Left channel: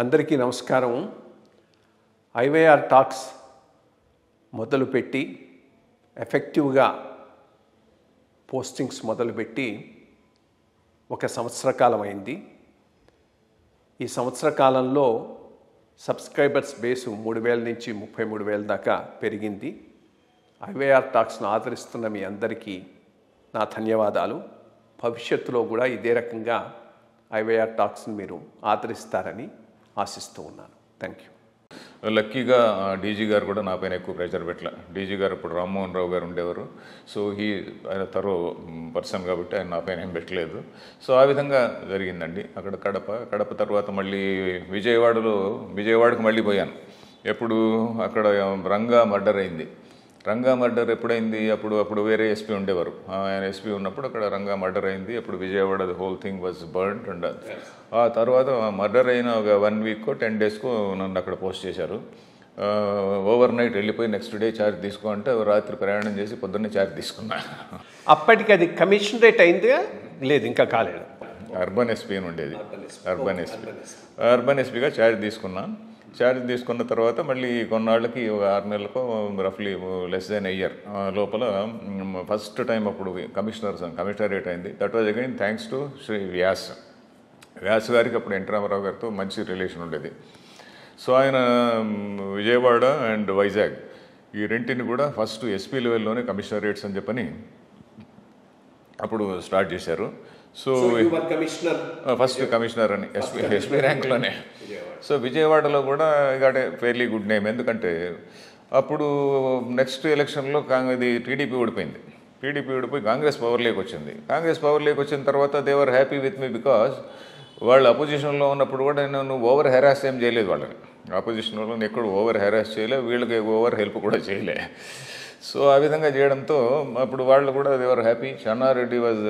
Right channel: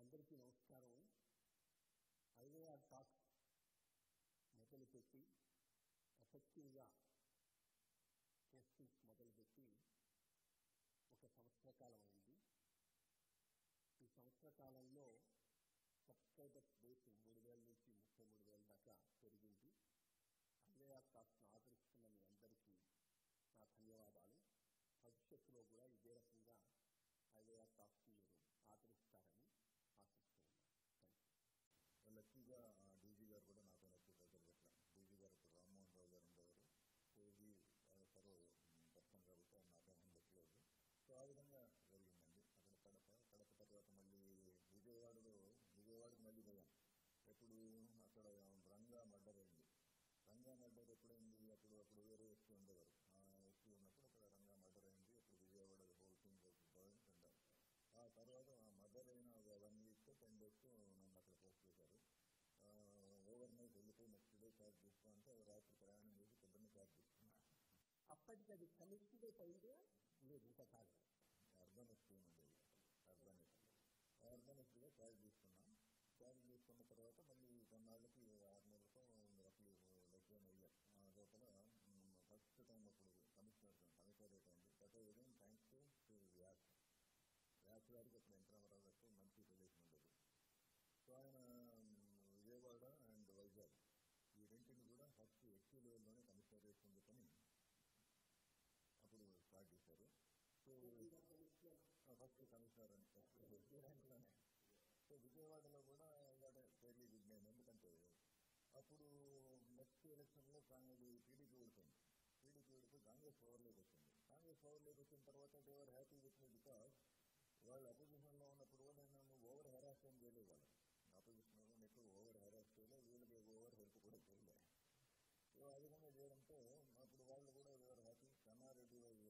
అందరికీ నమస్కారం. IYR talks మొదలుపెట్టి ఎఫెక్టివ్గా పోస్టింగ్స్ మొదలుపెట్టి ఒక సంవత్సర కాలం అయింది. ఈ సంవత్సర కాలంలో సబ్స్క్రైబర్స్ బేసు 3,000 నుంచి 33,000 దాకా పెరిగింది. ఐవైఆర్ టాక్స్ను ఆదరిస్తున్న మీ అందరికీ నా ధన్యవాదాలు. భవిష్యత్తులో కూడా ఇదే రకంగా ఐవైఆర్ టాక్స్ని మీరు ఆదరిస్తారని ఆశిస్తూ ఉన్నాను. Thank you. లక్కీగా డీజీ గారు కూడా నా పైన ఎక్కువ ప్రెషర్ పెట్టలే. డీజీ గారు ఇప్పుడు రామ్మోహన్ రావు గారు ఉండేవారు. సో ఆయన తరో పర్సన్ కాబట్టి ఆయన నా పైన ఏం పెట్టలేదు. సో ఆ విధంగా జరిగిందండి. అక్కడ కడప తర్వాత మళ్ళీ విజయవాడకు మళ్ళీ పోయాను. ఎప్పుడు అక్కడ రంగా మర్డర్ అయింది. రంగా మర్డర్ ఎప్పుడైంది? అప్పుడు వేరే ఎస్పీ ఉండేవారు. ఆయన ఎస్పీ ఉన్నప్పుడు అక్కడ రంగా మర్డర్ అయింది. అప్పుడు Vijayawada the whole thing was burned. And ఆ తర్వాత మర్డర్ అయిన ఒక 1 వీక్కో 10 డేస్కో నన్ను అక్కడ పోస్ట్ చేశారు. ఓవర్ నైట్ వెళ్ళిపోయి నెక్స్ట్ డే ఛార్జ్ తీసుకో అంటే రాత్రి ప్రయాణం చేసి పొద్దున్నే ఛార్జ్ తీసుకున్నా. అప్పటికి అది కమిషనరేట్ అయిందిగా? లేదు, ఇంకా కాలేదు. అర్బన్ ఎస్పీ అని ఉండేది. అర్బన్ ఎస్పీగా ఛార్జ్ తీసుకున్నాను. ఛార్జ్ తీసుకున్న తర్వాత మళ్ళీ కొన్నాళ్ళకి ఒక 6 నెలలకు రఫ్లీ లెస్ దెన్ ఇయర్ లోపల ఫస్ట్ టైం అప్పుడు కమిషనరేట్ అయింది. That was again thanks to Shri Vyas గారికి. అప్పుడు ఎన్టీ రామారావు గారితో మంచి రిలేషన్ ఉండేది. సో ఆయన విజయవాడ అండ్ వైజాగ్ ఈ రెంటిని కూడా ఫస్ట్ ఎస్పీ లెవెల్లోనే కమిషనరేట్స్ అని చెప్పని అప్పుడు స్టార్ట్ చేశారు. సో ఫస్ట్ కమిషనర్ అని ఎస్పీ ర్యాంక్లోనే. సో విజయవాడలో కూడా ఇలాంటి ఫెయిర్లీ గుడ్ నేమ్. ఎందుకంటే అప్పుడు నెక్స్ట్ ఎలక్షన్లో ఇది టీడీపీ ఓడిపోయింది. టీడీపీ ఓడిపోయి కాంగ్రెస్ పవర్లోకి వచ్చింది. కాంగ్రెస్ పవర్లోకి వచ్చిన తర్వాత దేవర్ హ్యాపీ విత్ మీ బికాజ్ వాళ్ళు అపోజిషన్లో ఉన్నప్పుడు కూడా నేను ఓవర్ హెరాస్ ఏం చేయలేదు. వాళ్ళని అపోజిషన్ వాళ్ళని ఎక్కడ ఓవర్ హెరాస్ చేయలే, వీళ్ళకి ఓవర్ హెల్ప్ కూడా చేయలే. సో ఆ విధంగా చేయడంతో అప్పుడు వాళ్ళు కూడా they were happy. Chenna Reddy was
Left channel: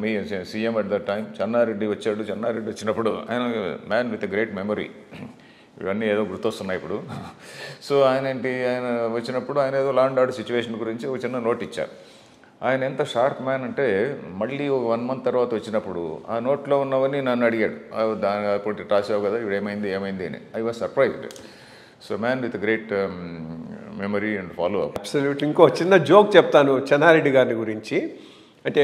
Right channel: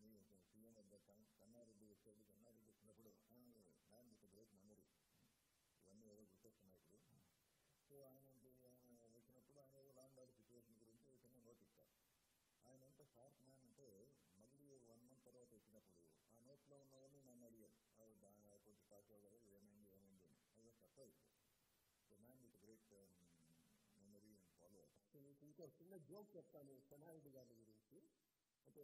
the CM at that time. Chenna Reddy వచ్చాడు. చెన్నారెడ్డి వచ్చినప్పుడు ఆయన మ్యాన్ విత్ గ్రేట్ మెమరీ. ఇవన్నీ ఏదో గుర్తొస్తున్నాయి ఇప్పుడు. సో ఆయన వచ్చినప్పుడు ఆయన ఏదో లా అండ్ ఆర్డర్ సిచ్యువేషన్ గురించి ఒక చిన్న నోట్ ఇచ్చారు. ఆయన ఎంత షార్ప్ మ్యాన్ అంటే మళ్ళీ ఒక 1 మంత్ తర్వాత వచ్చినప్పుడు ఆ నోట్లో ఉన్నవన్నీ నన్ను అడిగాడు. దాని అప్పుడు రాసావు కదా, ఇప్పుడు ఏమైంది అని. I was surprised. So man with great memory and follow up. Absolutely. ఇంకో చిన్న జోక్ చెప్తాను చెన్నారెడ్డి గారి గురించి. అంటే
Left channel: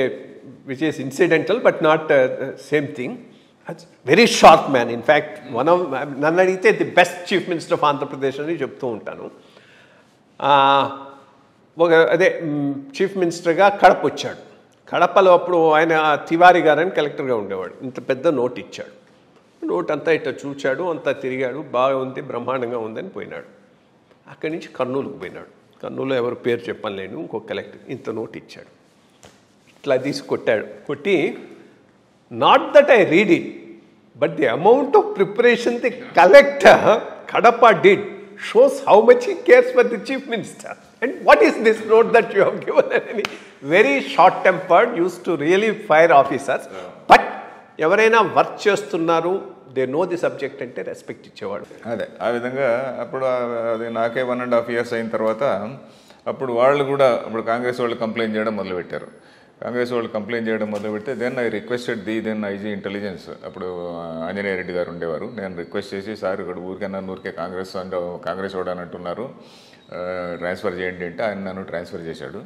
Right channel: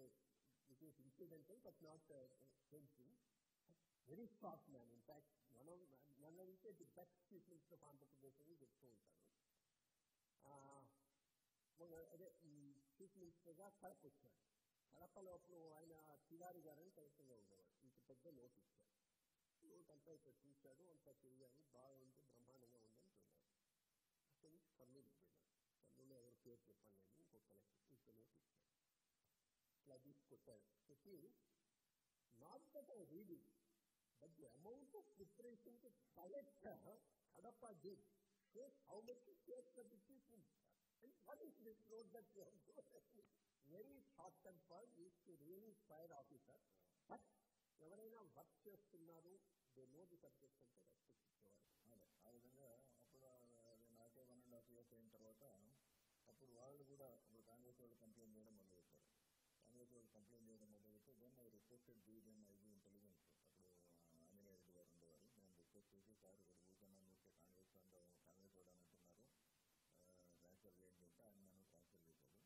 which is incidental but not same thing. Very sharp man. In fact నన్ను అడిగితే the best chief minister of Andhra Pradesh అని చెప్తూ ఉంటాను. చీఫ్ మినిస్టర్గా కడప వచ్చాడు. కడపలో అప్పుడు ఆయన తివారీ గారని కలెక్టర్గా ఉండేవాడు. ఇంత పెద్ద నోట్ ఇచ్చాడు. నోట్ అంతా ఇట్లా చూచాడు, అంతా తిరిగాడు, బాగా ఉంది, బ్రహ్మాండంగా ఉందని పోయినాడు. అక్కడి నుంచి కర్నూలుకు పోయినాడు. కర్నూలులో ఎవరు పేరు చెప్పలేను, ఇంకో కలెక్టర్ ఇంత నోట్ ఇచ్చాడు. ఇట్లా తీసి కొట్టి not that I read it but the amount of preparation the collector Kadapa did shows how much he cares for the chief minister. And what is this note that you have given? Very short-tempered, used to really fire officers. But ఎవరైనా work చేస్తున్నారు, they know the subject అంటే respect ఇచ్చేవాడు. అదే ఆ విధంగా అప్పుడు అది నాకే 1.5 years అయిన తర్వాత అప్పుడు వాళ్ళు కూడా ఇప్పుడు కాంగ్రెస్ వాళ్ళు కంప్లైంట్ చేయడం మొదలుపెట్టారు. Then I requested then IG intelligence, అప్పుడు ఆంజనేయ రెడ్డి గారు ఉండేవారు. నేను రిక్వెస్ట్ చేసి, సార్ ఇక్కడ ఊరికే కాంగ్రెస్ వాడు అని అంటున్నారు, ట్రాన్స్ఫర్ చేయండి అంటే ఆయన నన్ను ట్రాన్స్ఫర్ చేశాడు.